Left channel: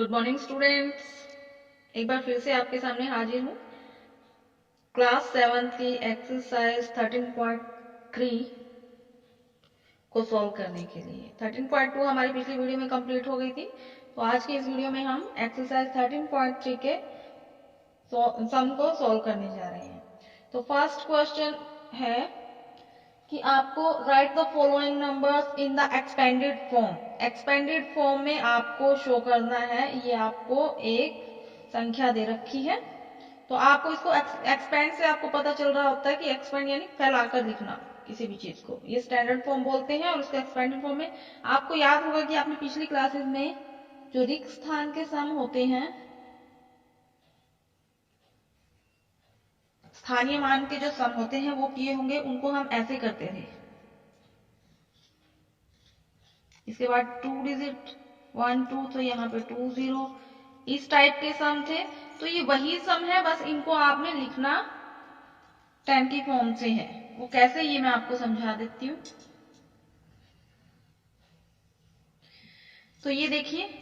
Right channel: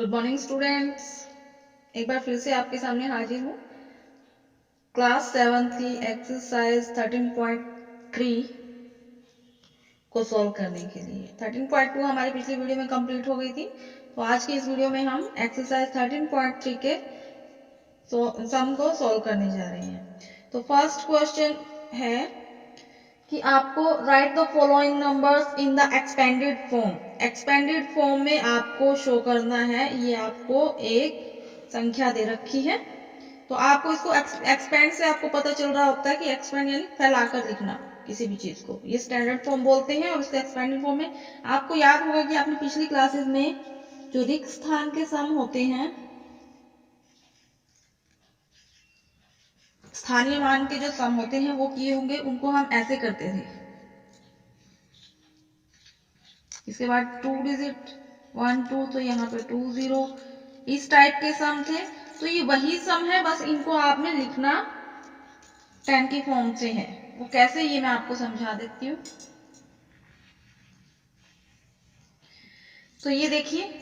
Good morning students, एक बार फिर से आपके सामने हाजिर हूँ क्लास 7 की एक्सरसाइज 13.3 को सॉल्व करने के लिए। 13.2 हमारी पिछली वीडियो में कंप्लीट हो गई थी, तो आज की इस वीडियो में हम एक्सरसाइज 13.3 के सम को सॉल्व करने जा रहे हैं। तो फर्स्ट क्वेश्चन है कि आपको right the following numbers in the expanded form. Expanded form में आपको शो करना है, ये आपको एक संख्या दे रखी है, तो आपको इसको एक्सपेंड से आपको पता चल रहा होता है कि एक्सपेंड यानी फैलाकर लिखना किसी भी चीज को, ये स्टैंडर्ड फॉर्म बोलते हैं। और उसके एक्सपेंडेड फॉर्म में आपको याद होगा कि आपने पिछली क्लासेस में जो रिक्त स्थान के सम होते हैं, स्थानीय मान के जो सम होते हैं वो किए होंगे, उनको हम ऐसे करते थे। इसके बाद 2 डिजिट 1 2, तो यहाँ पे 2 0, इस टाइप के सम थे। तो ये वही सम है, बस इनको आपने लिखना 10 की फॉर्म से है। वो कैसे, ये मैं आपको समझा देती हूँ। तो ये देखिए,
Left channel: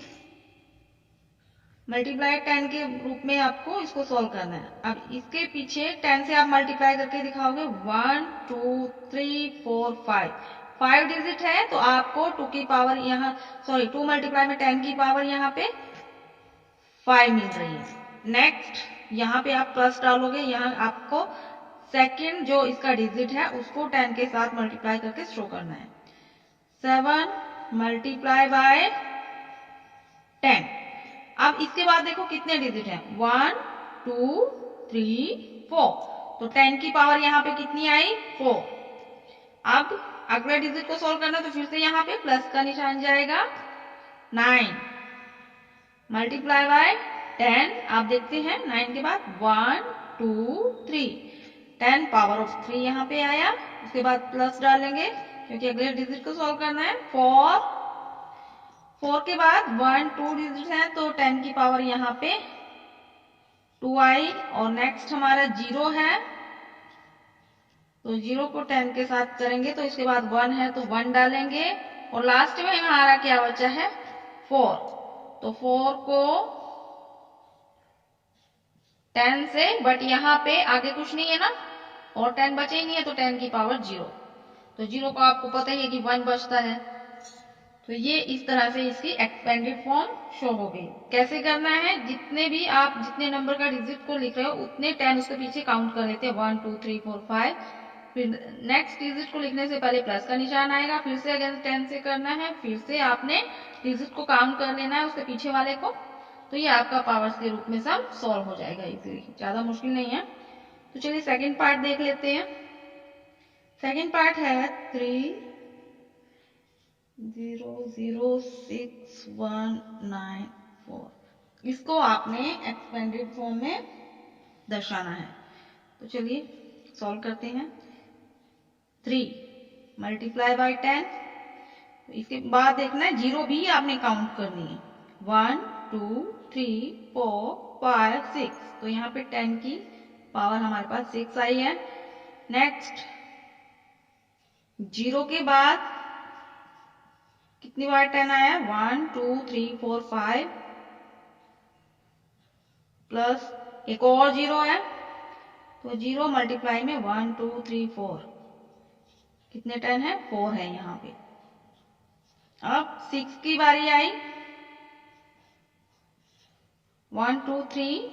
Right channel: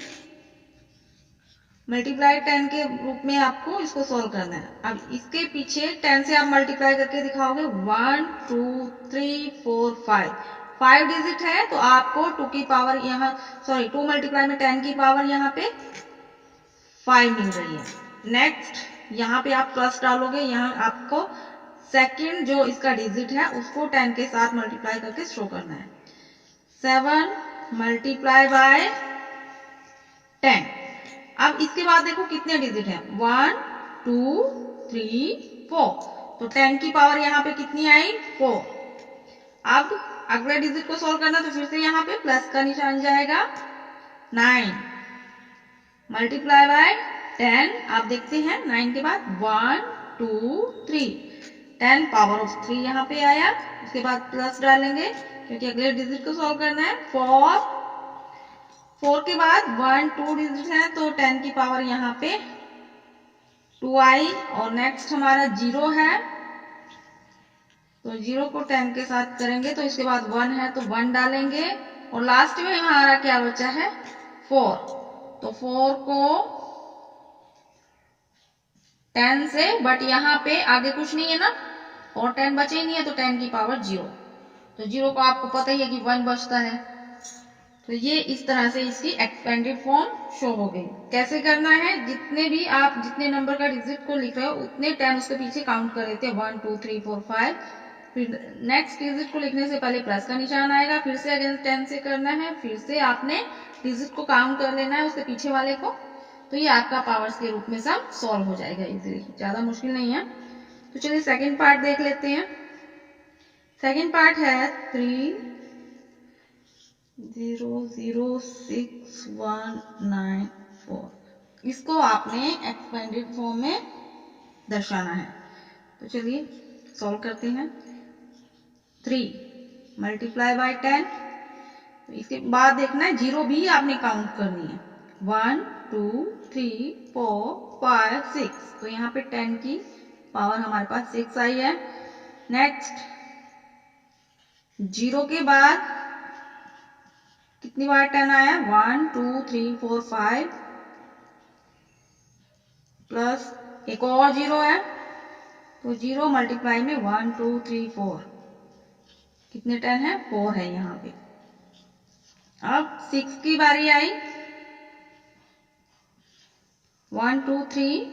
मल्टीप्लाई 10 के रूप में आपको इसको सॉल्व करना है। अब इसके पीछे 10 से आप मल्टीप्लाई करके दिखाओगे 1 2 3 4 5, 5 डिजिट है, तो आपको 2 की पावर यहाँ 2 मल्टीप्लाई में 10 की पावर यहाँ पे 5 मिल रही है। नेक्स्ट यहाँ पे आप प्लस डालोगे, यहाँ आपको सेकंड जो इसका डिजिट है उसको 10 के साथ मल्टीप्लाई करके शो करना है। 7 मल्टीप्लाई बाय 10। अब इसके बाद देखो कितने डिजिट है, 1 2 3 4, तो 10 की पावर यहाँ पे कितनी आई, 4। अब अगले डिजिट को सॉल्व करना, तो फिर से यहाँ पे प्लस का निशान जाएगा। 9 मल्टीप्लाई बाय 10, आप देखते हैं 9 के बाद 1 2 3, 10 पावर ऑफ 3 यहाँ पे आया। उसके बाद प्लस डालेंगे क्योंकि अगले डिजिट को सॉल्व करना है। 4 के बाद 1 2 डिजिट है, तो 10 की पावर यहाँ पे 2 आई। और नेक्स्ट हमारा 0 है, तो 0 को 10 के साथ करेंगे, तो इसके बाद 1 है तो 1 डालेंगे। और लास्ट में हमारा क्या बचा है, 4, तो 4 को 10 से, बट यहाँ पे आगे कुछ नहीं है ना, और 10 बचे ही नहीं है, तो 10 की पावर 0, तो 0 को आपको पता ही है कि 1 बचता है। तो ये इस तरह से इसकी एक्सपेंडेड फॉर्म शो हो गई। कैसे करना है, जितने भी आप जितने नंबर का डिजिट को लिख रहे हो उतने 10 उसके पीछे काउंट कर लेते हैं, 1 2 3 4 5। फिर नेक्स्ट डिजिट को लिखने से पहले प्लस का निशान आएगा, फिर से अगेन 10 से करना है, फिर से आपने डिजिट को काउंट कर लेना है उसके पीछे वाले को। तो ये आपका पावर्स के रूप में सब सॉल्व हो जाएगा इजीली, ज्यादा मुश्किल नहीं है। तो चलिए सेकेंड पार्ट देख लेते हैं। सेकेंड पार्ट है 3 0 0 6 1 9 4, इसको आपने एक्सपेंडेड फॉर्म में दर्शाना है। तो चलिए सॉल्व करते हैं। 3 मल्टीप्लाई बाय 10, तो इसके बाद देखना है 0 भी आपने काउंट करनी है। 1 2 3 4 5 6, तो यहाँ पे 10 की पावर हमारे पास 6 आई है। नेक्स्ट 0 के बाद कितनी बार 10 आया, 1 2 3 4 5, प्लस एक और 0 है, तो 0 मल्टीप्लाई में 1 2 3 4, कितने 10 है, 4 है यहाँ पे। अब 6 की बारी आई, 1 2 3,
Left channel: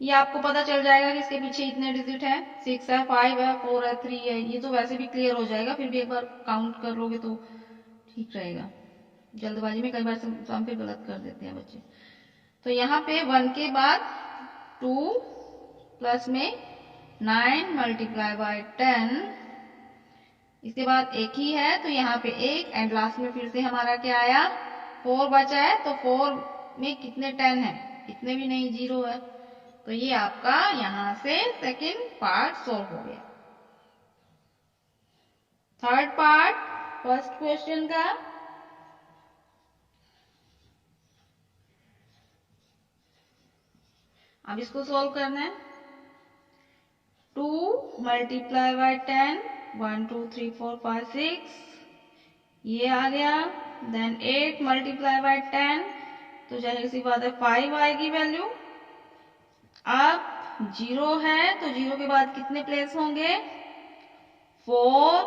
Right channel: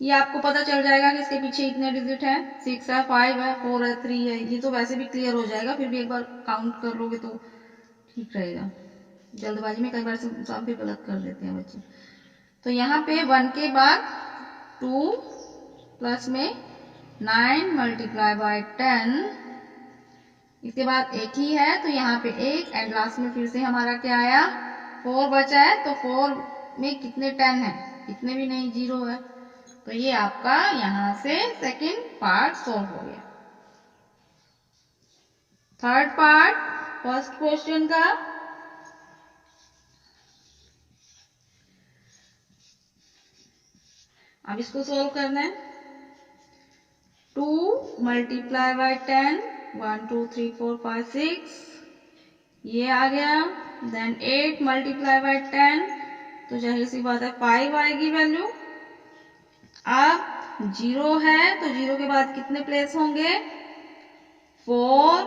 ये आपको पता चल जाएगा कि इसके पीछे इतने डिजिट है, 6 है 5 है 4 है 3 है, ये तो वैसे भी क्लियर हो जाएगा, फिर भी एक बार काउंट कर लोगे तो ठीक रहेगा। जल्दबाजी में कई बार सम पे गलत कर देते हैं बच्चे। तो यहाँ पे 1 के बाद 2 प्लस में 9 मल्टीप्लाई बाय 10, इसके बाद एक ही है तो यहाँ पे एक, एंड लास्ट में फिर से हमारा क्या आया, 4 बचा है, तो 4 में कितने 10 है, कितने भी नहीं, 0 है। तो ये आपका यहाँ से सेकंड पार्ट सॉल्व हो गया। थर्ड पार्ट फर्स्ट क्वेश्चन का, अब इसको सॉल्व करना है। 2 मल्टीप्लाई बाय 10, 1 2 3 4 5 6, ये आ गया। देन 8 मल्टीप्लाई बाय 10, तो जाहिर सी बात है 5 आएगी वैल्यू। अब 0 है तो 0 के बाद कितने प्लेस होंगे? 4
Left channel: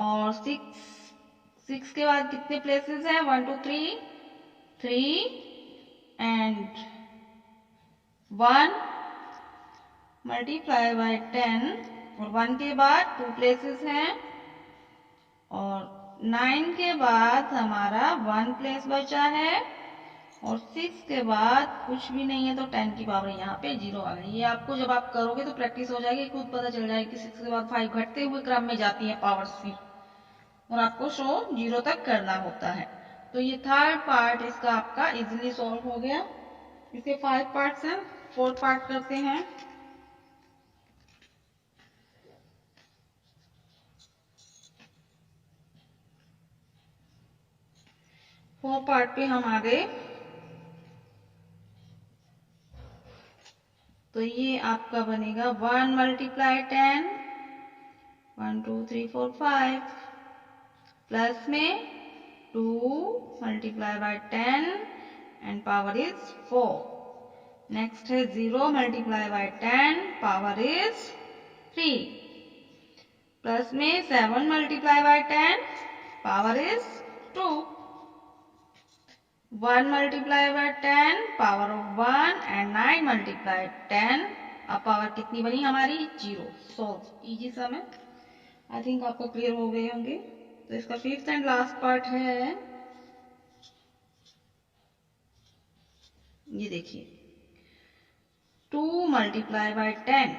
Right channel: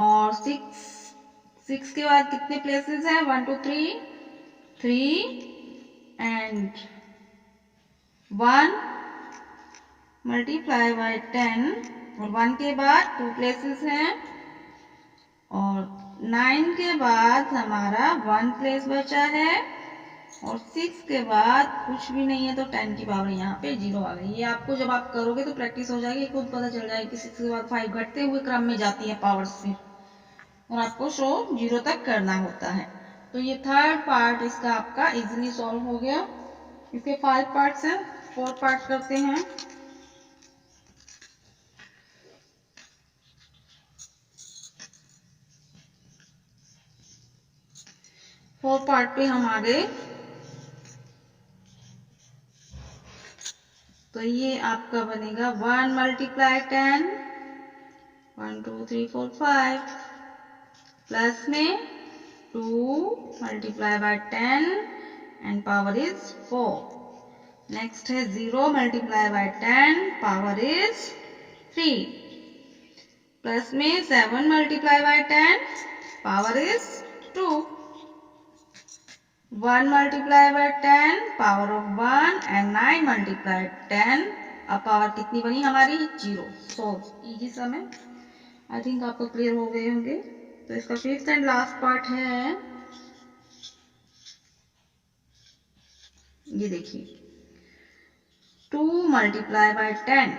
और 6 के बाद कितने प्लेसेस हैं? 1 2 3 एंड 1 मल्टीप्लाई बाय 10 और 1 के बाद 2 प्लेसेस हैं और 9 के बाद हमारा 1 प्लेस बचा है और 6 के बाद कुछ भी नहीं है तो 10 की पावर यहाँ पे 0 आ गई। ये आपको जब आप करोगे तो प्रैक्टिस हो जाएगी, खुद पता चल जाएगी कि 6 के बाद 5 घटते हुए क्रम में जाती है पावर्स फिर, और आपको शो 0 तक करना होता है। तो ये थर्ड पार्ट इसका आपका इजीली सॉल्व हो गया। इसके 5 पार्ट्स हैं, 4 पार्ट करते हैं। फोर पार्ट पे हम आ गए। तो ये आपका बनेगा 1 मल्टीप्लाई 10, 1 2 3 4 5 प्लस में 2 multiply by 10 and power is 4। Next है 0 multiply by 10 power is 3 plus में 7 multiply by 10 power is 2। 1 multiply by 10 power of 1 and 9 multiply 10। अब पावर कितनी बनी हमारी? 0। सो इजी सम है, आई थिंक आपको क्लियर हो गए होंगे। तो इसका फिफ्थ एंड लास्ट पार्ट है, ये देखिए 2 मल्टीप्लाई बाय 10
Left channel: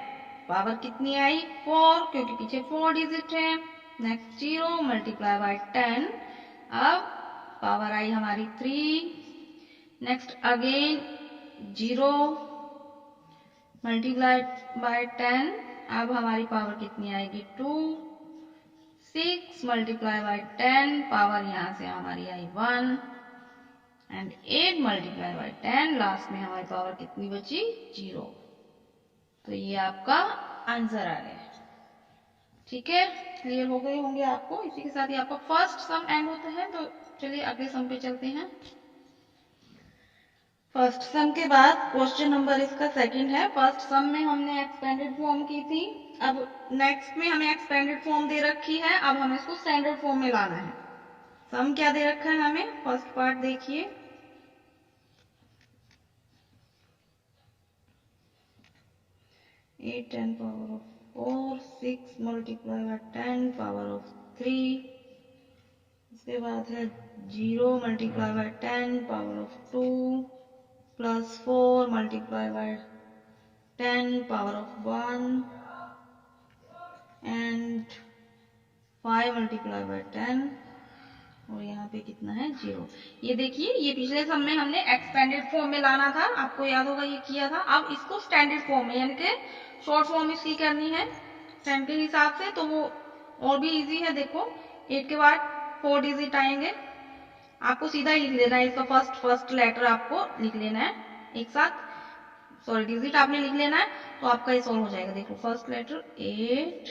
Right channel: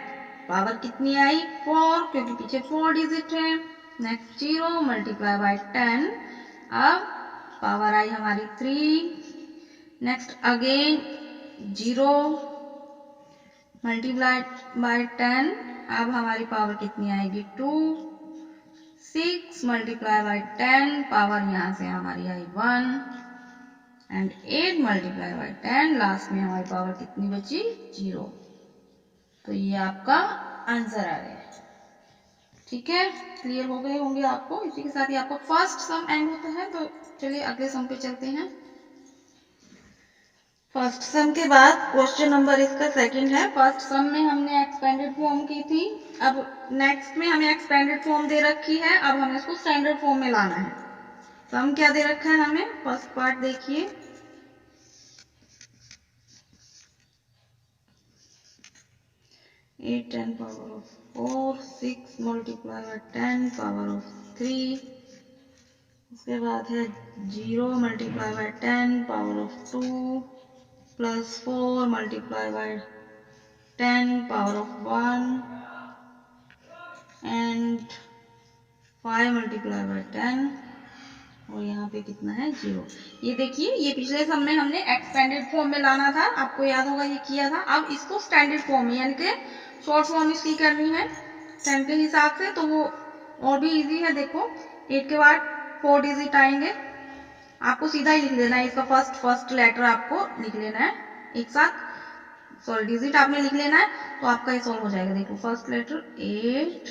पावर कितनी आई? 4, क्योंकि पीछे 4 डिजिट है। नेक्स्ट 0 मल्टीप्लाई बाय 10, अब पावर आई हमारी 3। नेक्स्ट अगेन 0 मल्टीप्लाइड बाय 10, अब हमारी पावर कितनी आएगी? 2। 6 मल्टीप्लाई बाय 10 पावर यहाँ से हमारी आई 1 एंड 8 मल्टीप्लाई बाय 10 लास्ट में हमारी पावर कितनी बची? 0। तो ये आपका आंसर आ गया। ठीक है, क्लियर हो गए होंगे आपको। इसी के साथ ही आपका फर्स्ट सम एंड होता है। तो चलिए अगले सम पे चलते हैं। फर्स्ट सम के बाद क्वेश्चन नंबर इसका सेकंड है। फर्स्ट सम में हमने एक्सपेंडेड फॉर्म की थी, अब नेक्स्ट में हमें एक्सपेंडेड फॉर्म दे रखी है, अब हमें इसको स्टैंडर्ड फॉर्म में लाना है। सम क्या दे रखा है हमें? फर्स्ट पार्ट देखिए, 8 10 power of 4, 6 multiply by 10 power of 3, उसके बाद है 0 multiply by 10 power of 2 plus 4 multiply by 10 power of 1 and 5 multiply by 10 और यहाँ पे कितना है? 0। ये देखिए, ये पिछले सम में हमने एक्सपेंडेड फॉर्म में लाना था, आपको याद होगा ये किया था। अब इसको स्टैंडर्ड फॉर्म में यानी कि शॉर्ट फॉर्म इसकी करनी है सेंट के हिसाब से, तो वो और भी इजी है। देखो 8 के बाद 4 डिजिट आएंगे, आपको सीधा ही लिख लेना है इसका फर्स्ट लेटर आपको लिख लेना है एक साथ, सॉरी डिजिट आपने लिख लेना है, तो आपका ये सॉल्व हो जाएगा। देखो फर्स्ट लेटर 8,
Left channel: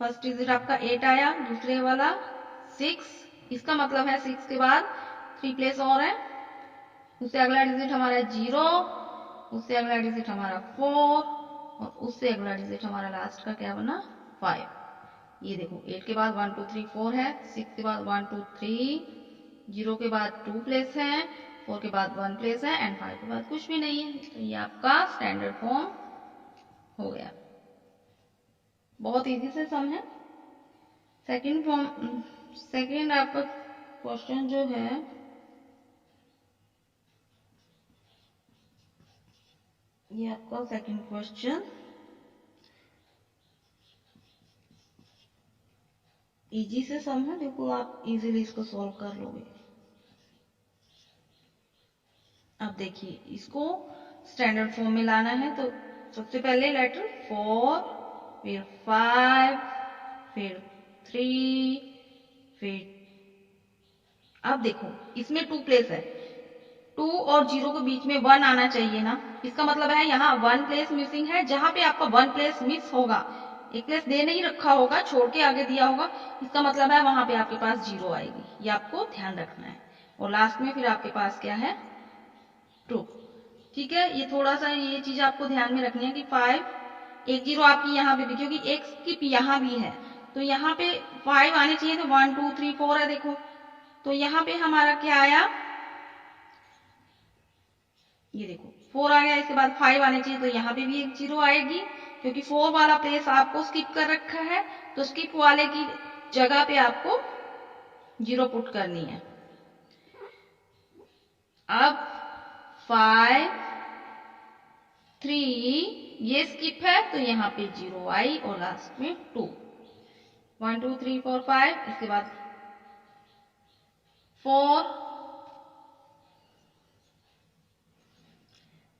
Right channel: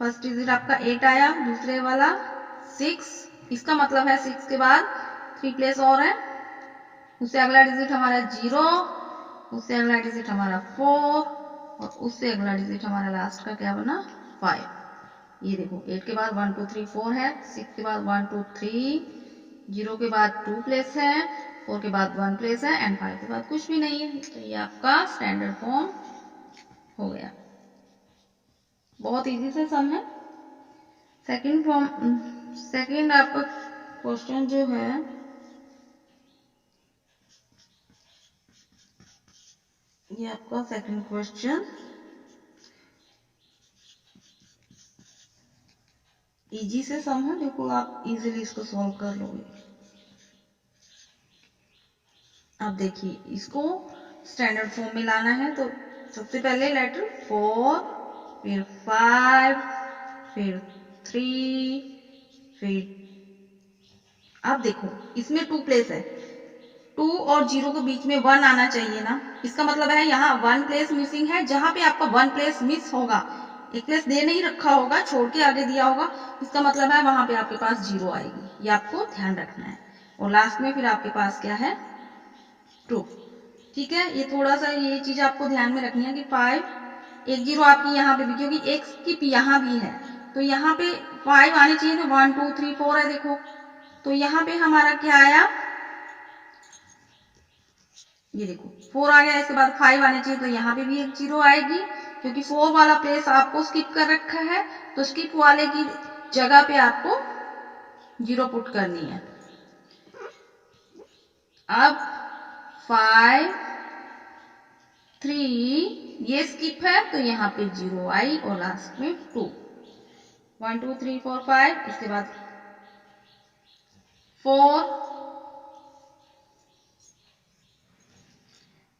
फर्स्ट डिजिट आपका 8 आया, दूसरे वाला 6, इसका मतलब है 6 के बाद 3 प्लेस और है, उससे अगला डिजिट हमारा 0, उससे अगला डिजिट हमारा 4 और उससे अगला डिजिट हमारा लास्ट का क्या बना? 5। ये देखो 8 के बाद 1 2 3 4 है, 6 के बाद 1 2 3, 0 के बाद 2 प्लेस है, 4 के बाद 1 प्लेस है एंड 5 के बाद कुछ भी नहीं है। तो ये आपका स्टैंडर्ड फॉर्म हो गया। बहुत इजी से सम है। सेकंड आपका क्वेश्चन जो है, ये आपका सेकंड क्वेश्चन इजी से सम है। देखो आप इजीली इसको सॉल्व कर लोगे। अब देखिए इसको स्टैंडर्ड फॉर्म में लाना है, तो सबसे पहले लेटर 4, फिर 5, फिर 3, फिर अब देखो इसमें 2 प्लेस है, 2 और 0 के बीच में 1 आना चाहिए ना। इसका मतलब है यहाँ 1 प्लेस मिसिंग है। जहां पे आपका 1 प्लेस मिस होगा, एक प्लेस दे नहीं रखा होगा, छोड़ के आगे दिया होगा, इसका मतलब है वहां पे आपके पास 0 आएगी। ये आपको ध्यान रखना है। और लास्ट में फिर आपके पास क्या है 2। ठीक है, ये थोड़ा सा ये चीज आपको ध्यान में रखनी है कि 5 एक जीरो आपकी यहाँ पे भी, क्योंकि एक स्किप यहाँ भी है तो यहाँ पे 5 आने चाहिए थे। 1 2 3 4 है देखो, तो यहाँ पे हमारा क्या आया, ये देखो 4 आ गया। इसके बाद 5 आने चाहिए तो यहाँ पे भी एक जीरो आएगी, क्योंकि 4 वाला प्लेस आपको स्किप कर रखा है तो स्किप वाले की जगह पे आपको जीरो पुट करनी है। अब 5 3 ये स्किप है तो यहाँ पे जीरो आई और लास्ट में 2। 1 2 3 4 5, इसके बाद 4,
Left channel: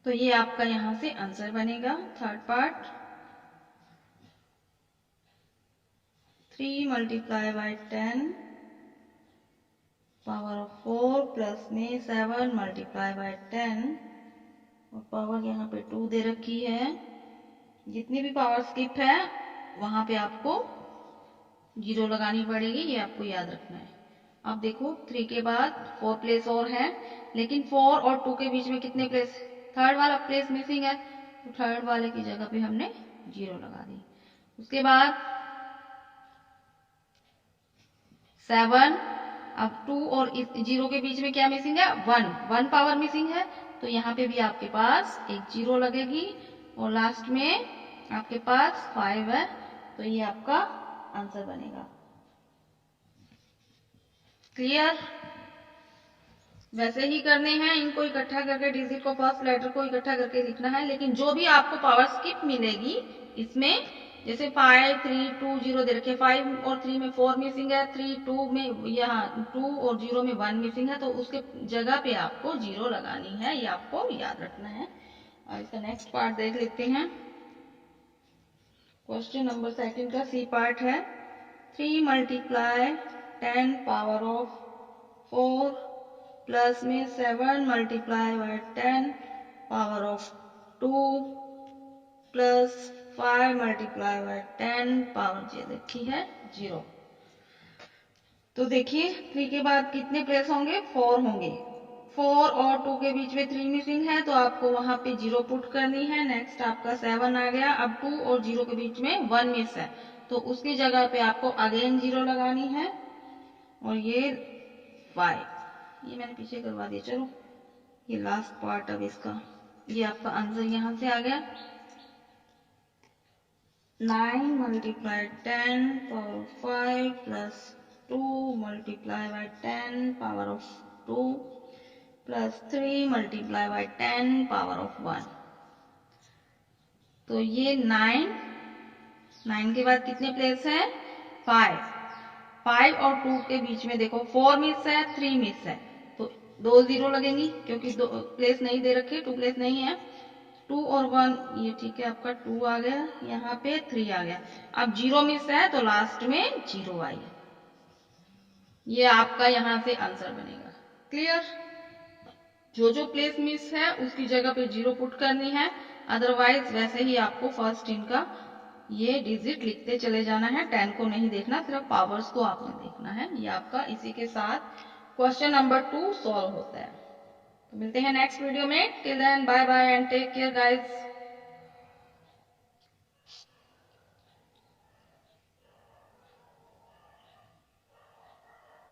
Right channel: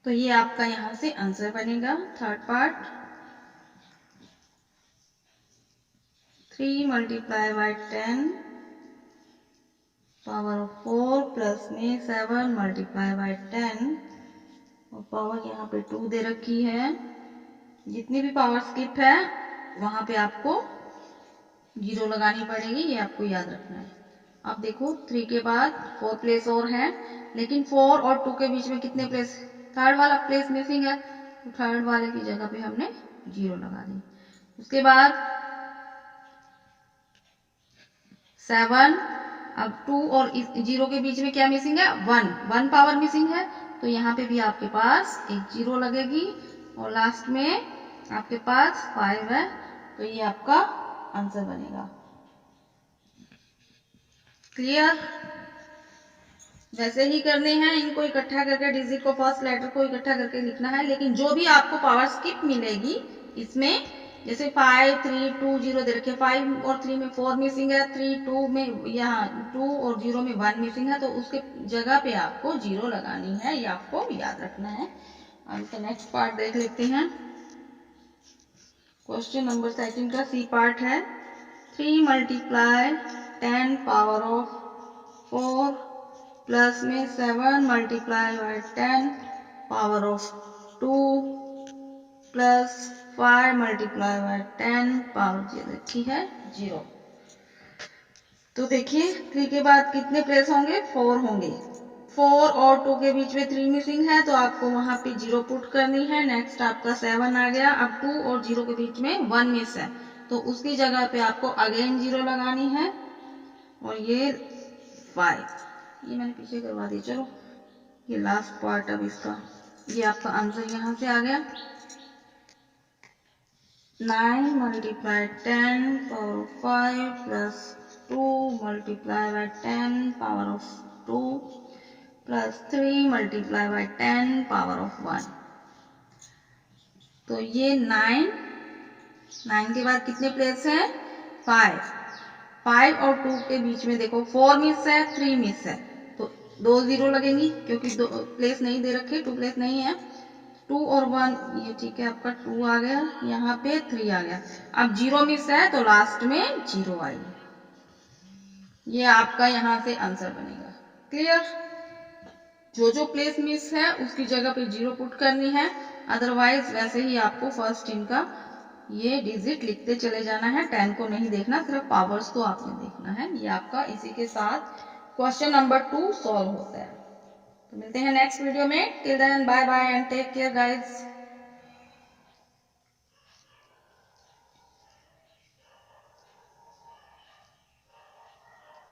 तो ये आपका यहां से आंसर बनेगा third part. 3 multiply by 10 power of 4 plus में 7 मल्टीप्लाई बाय 10 और पावर यहाँ पे 2 दे रखी है। जितनी भी पावर स्किप है वहां पे आपको जीरो लगानी पड़ेगी, ये आपको याद रखना है। अब देखो 3 के बाद 4 प्लेस और है, लेकिन 4 और 2 के बीच में कितने प्लेस, थर्ड वाला प्लेस मिसिंग है तो थर्ड वाले की जगह पे हमने जीरो लगा दी। उसके बाद 7, अब 2 और जीरो के बीच में क्या मिसिंग है, 1 पावर मिसिंग है तो यहाँ पे भी आपके पास एक जीरो लगेगी और लास्ट में आपके पास 5 है तो ये आपका आंसर बनेगा। क्लियर? वैसे ही करने हैं, इनको इकट्ठा करके डिजिट को फर्स्ट लेटर को इकट्ठा करके लिखना है, लेकिन जो भी आपको पावर स्किप मिलेगी इसमें, जैसे 5 3 2 0 दे रखे, 5 और 3 में 4 मिसिंग है, 3 2 में यहाँ 2 और 0 में 1 मिसिंग है तो उसके जगह पे आपको जीरो लगानी है, ये आपको याद रखना है। अब इसका नेक्स्ट पार्ट देख लेते हैं। क्वेश्चन नंबर 2 का सी पार्ट है। 3 मल्टीप्लाई 10 पावर ऑफ 4 प्लस में 7 multiply by 10 power of 2 plus 5 multiply by 10 power दे रखी है 0। तो देखिए 3 के बाद कितने प्लेस होंगे, 4 होंगे। 4 और 2 के बीच में 3 मिसिंग है तो आपको वहां पे 0 पुट करनी है। नेक्स्ट आपका 7 आ गया। अब 2 और 0 के बीच में 1 मिस है तो उसकी जगह पे आपको अगेन 0 लगानी है और ये 5, ये मैंने पीछे करवा दिया। चलो ये लास्ट पार्ट अब इसका, ये आपका आंसर यहाँ से आ गया। 9 multiply 10 power of 5 plus 2 multiply by 10 power of 2 plus 3 multiply by 10 power of 1। तो ये 9 के बाद कितने प्लेस है, 5 और 2 के बीच में देखो 4 मिस है, 3 मिस है तो 2 जीरो लगेंगी, क्योंकि 2 प्लेस नहीं दे रखे, 2 प्लेस नहीं है। 2 और 1 ये ठीक है, आपका 2 आ गया, यहाँ पे 3 आ गया। अब 0 मिस है तो लास्ट में 0 आएगी, ये आपका यहाँ से आंसर बनेगा। क्लियर? जो प्लेस मिस है उसकी जगह पे 0 पुट करनी है, अदरवाइज वैसे ही आपको फर्स्ट इनका ये डिजिट लिखते चले जाना है। 10 को नहीं देखना, सिर्फ पावर्स को आपने देखना है। ये आपका इसी के साथ क्वेश्चन नंबर 2 सॉल्व होता है। तो मिलते हैं नेक्स्ट वीडियो में। Till then bye bye and take care guys.